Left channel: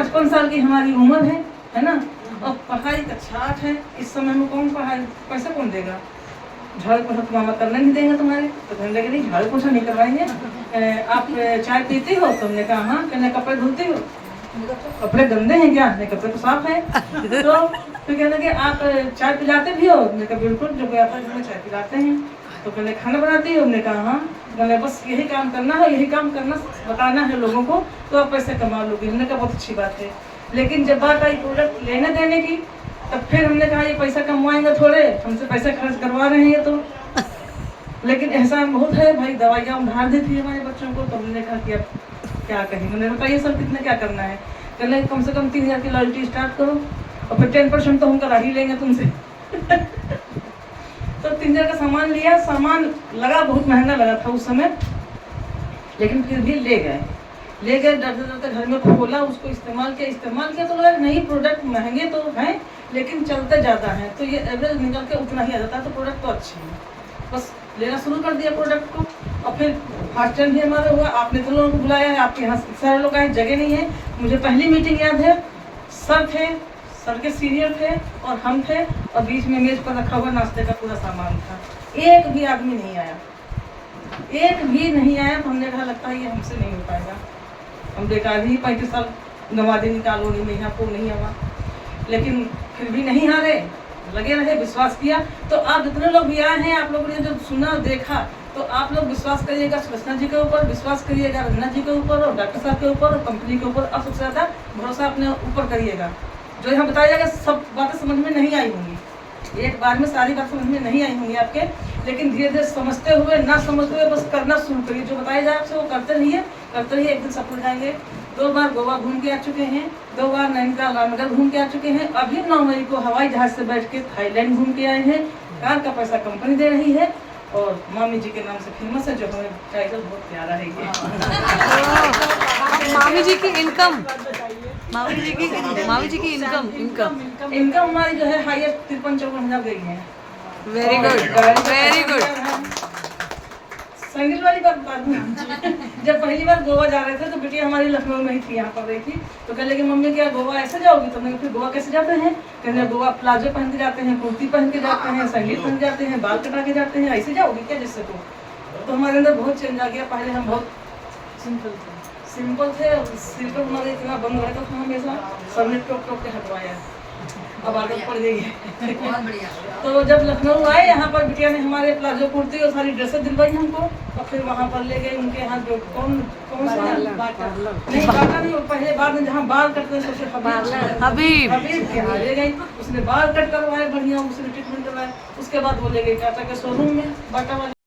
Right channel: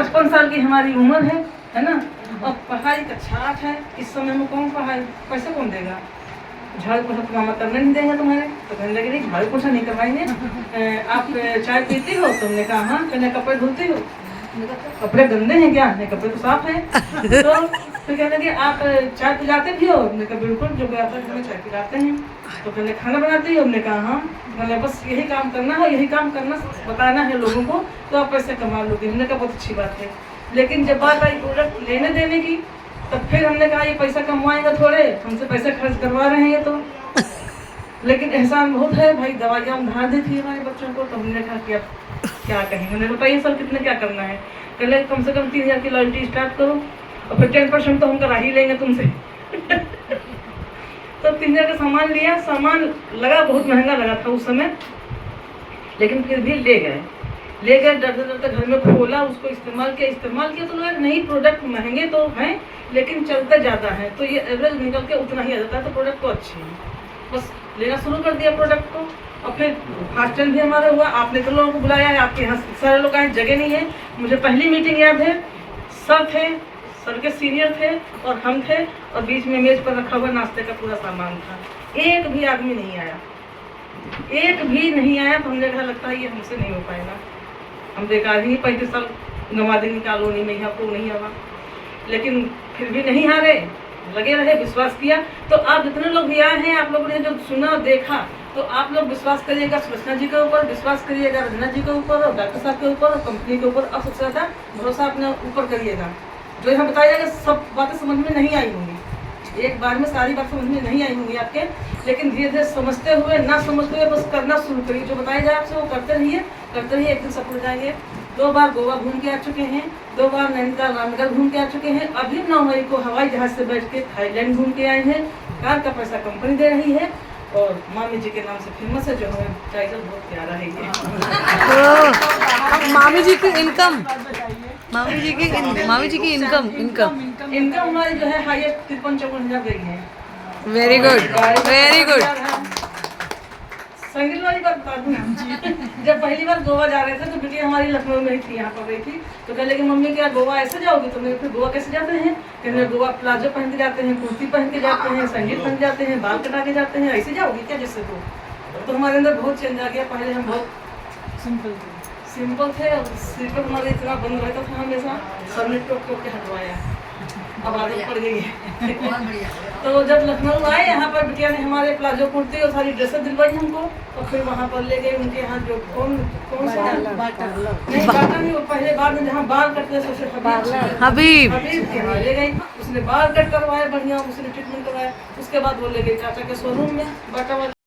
55 साल की हमारी उम्र है ना, और पढ़ाई का छाट है। इस समय में कौन पढ़ाई, पैसा कौन देगा? झाड़ू पोछा तो मामा करने नहीं देंगे तुम्हारे, तो कहने लगे नहीं झाड़ू पोछा नहीं करवाएंगे। आप चाय पीती हो? तुमने कहा हाँ। कहने कपड़े धुलती हो? कपड़े गंदे हैं क्या? नहीं, कपड़े तो साफ हैं। तो फिर कहने लगे आप चाय पिलाते भी हो? हमने कहा बिल्कुल, जो गया था घर में चाय पिलाते हैं। तो कहने खाना बनाती हो? हमने कहा हाँ। कहने बस यही काम करना हो, यही काम करना बताना है लोगों को, तो आप पैसे कमा लोगे। हमने कहा बहुत अच्छी बात है। लेकिन जब बात आई प्रोडक्ट लेने देने की, तब फिर हमने कहा ये पैसा कमवाएंगे थोड़े, हमसे पैसा खर्च करवा रहे हैं ये तो। लेकिन एहसान बहुत है भाई, दवाइयाँ उधार दी थी हमारे बच्चों को। तो हमने कहा कि अब क्या कहें। मैंने बताइए सर कितने क्या करना है? कहने कम से कम 3000 की लॉयल्टी स्टार्ट करो, और फिर 10% तो हम करा ही लेंगे तुमसे। तो 3000 का सामान लिया। सामान लगा, बहुत महंगा लगा था उस समय, लेकिन फिर भी ले गए डरते डरते घर में खोला, उसको इस्तेमाल किया तो लगा नहीं प्रोडक्ट महंगे तो हैं लेकिन चलते ज़्यादा हैं, तो ये एवरेज निकल के उतना ही आ जाता है, तो प्रोडक्ट तो अच्छे हैं। बस लेना शुरू कर दिया प्रोडक्ट को, और फिर फास्ट ट्रेंड भी हमारा हुआ। आपने तो लोगों को बुलाया है, आपके यहाँ सारे लोग आए, जगह नहीं है। मुझे पहली मीटिंग याद है, सर थे, सर के सीनियर थे और हम थे, और बीच में मेज पर रखा हुआ नाश्ते का पूरा सामान था। एक भी आदमी नहीं आया, एक भी नहीं आया। तो हमने कहा लगता है ये हमसे नहीं हो पाएगा, हम बेकार ही 35 साल गंवा देंगे कॉलोनी में, यहाँ को नहीं आवा। लेकिन फिर भी नहीं हारे, लगे रहे, विश्वास किया। तो आप जितने लोग भी आए हैं, आप लोगों ने जो सुना देखा, तो आप लोग विश्वास करिएगा सुलक्षणा जी के ऊपर, विश्वास करिएगा रंजना जी के ऊपर, और डॉक्टर साहब के ऊपर, और कंपनी के ऊपर। अब सबसे ज़्यादा भरोसा अपने ऊपर करिएगा। जो यहाँ बताया जाएगा सब बातें समझ में नहीं आई होंगी, एक बार में सारी बात समझ में नहीं आई होंगी आपके, लेकिन धीरे धीरे समझते हुए, ना समझते हुए बस करना शुरू करिए। जो बताया जाए आपसे वो करते रहिए, एक दिन सफल हो जाएंगे। 2 बार गोवा घूम के आ चुके हैं, 2 बार नैनीताल रामनगर घूम के आ चुके हैं। अभी 9 मई को हवाई जहाज से बैठ के थाईलैंड घूम के आए हैं। कार का पैसा कंपनी दे रही है, और मामी जी के नाम से फेमस है, जो हमें टाइटल बहुत प्यारा है ये। मामी जी की इनकम, मामी जी की इनकम हमारी जो है हाईएस्ट 53-54 गई है। Very good, very good. संगीत वाली बात बता दूं, जब पहली बार गोवा जा रहे थे तो बिटिया हमारी लखनऊ में ही थी, यहाँ पर रही थी। तो कह लगी मम्मी क्या गोवा ऐसे जाओगी? तो मैंने फिर गोवा कैसे जाते हैं? कहने गोवा प्लाजो पहन के जाते हैं, कुर्ती पहन के जाते हैं, संगीत पहन के जाते हैं, बाल कटा के जाते हैं, ऐसे जाओगी क्या जैसे? तो हमारे अंदर बहुत चेंज आ गया। पहले हम बहुत सिंपल थे, और सिर पर हमारे इतना बंद रहता था हमेशा, सर ने टोक टोक के हटवाया, अब आदत पड़ गई है। तो जब लखनऊ आए, यहाँ पर बिटिया ने हमारे प्लाजो कुर्ती और सारी ड्रेसें दिलवाई हमको, और फिर वहाँ पर ले गए उनके यहाँ, जो कौन सा बाटा नहीं, वो पहले बाद में जहाँ बाल कटते सबसे हबीब के यहाँ ले गई। उसने बाल कट करवाए बढ़िया, उसने ट्रीटमेंट करवाया। उसके बाद वो ले गई टाटा के शोरूम में, बाटा वाले।